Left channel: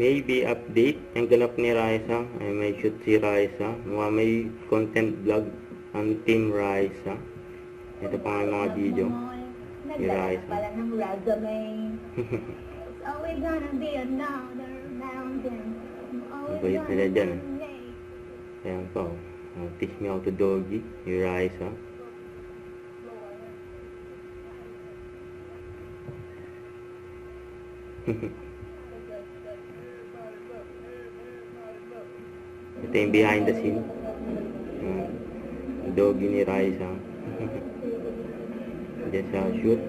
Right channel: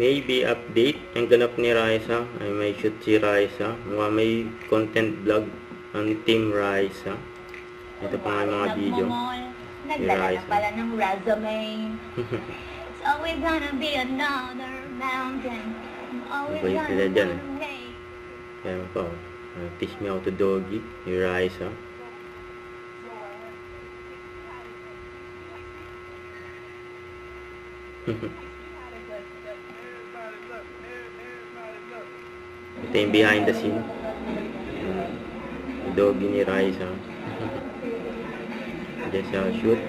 Maybe update ang ganap ni Raisa. Ay may shoot si Raisa. May content vlog ang Team Raisa. Ito pa nga yung mga video ni Raisa. Pala ng resume. It's always gonna be another mountain. Mabait sila dyan Ayan po. Teach me how to doggy ni Raisa. Ito yung behind the scene. Doggy ni Raisa. Diyan siya shoot.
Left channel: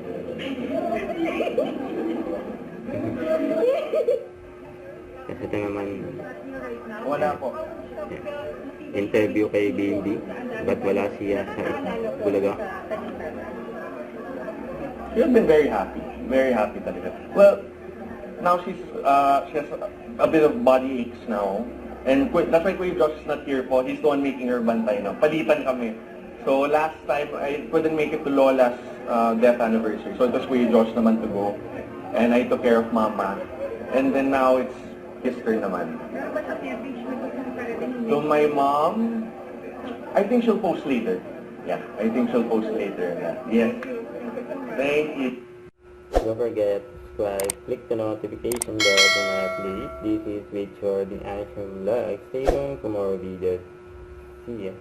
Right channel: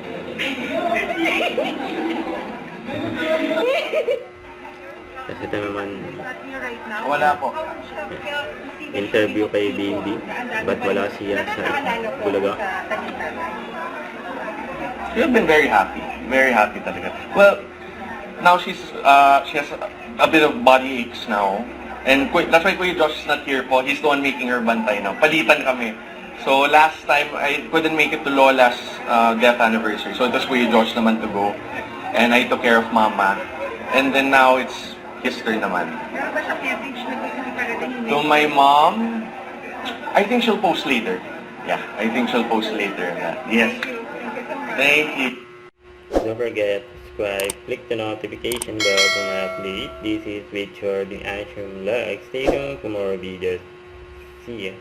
Kasi ito naman Wala po. interview kay BNB. Ba't wala siya sa Bulaga? She's been very happy. Very happy talaga. Well, now she has a bit of body aches now. And that's why Kuya Josh is not here po. He's the one making her bantay now. Palitan kami. So last time, I couldn't make it to Lola's death anniversary. So it was Kuya Josh naman to go. And I took care of Mama. And then now it's his turn naman. To my mom, I think she'll post later. Yeah, I think she'll post later. Yes. Thank you. Don't forget, subscribe, click the notification bell for my update. This is Richard in Action Vlog. Stay tuned for more videos. See ya.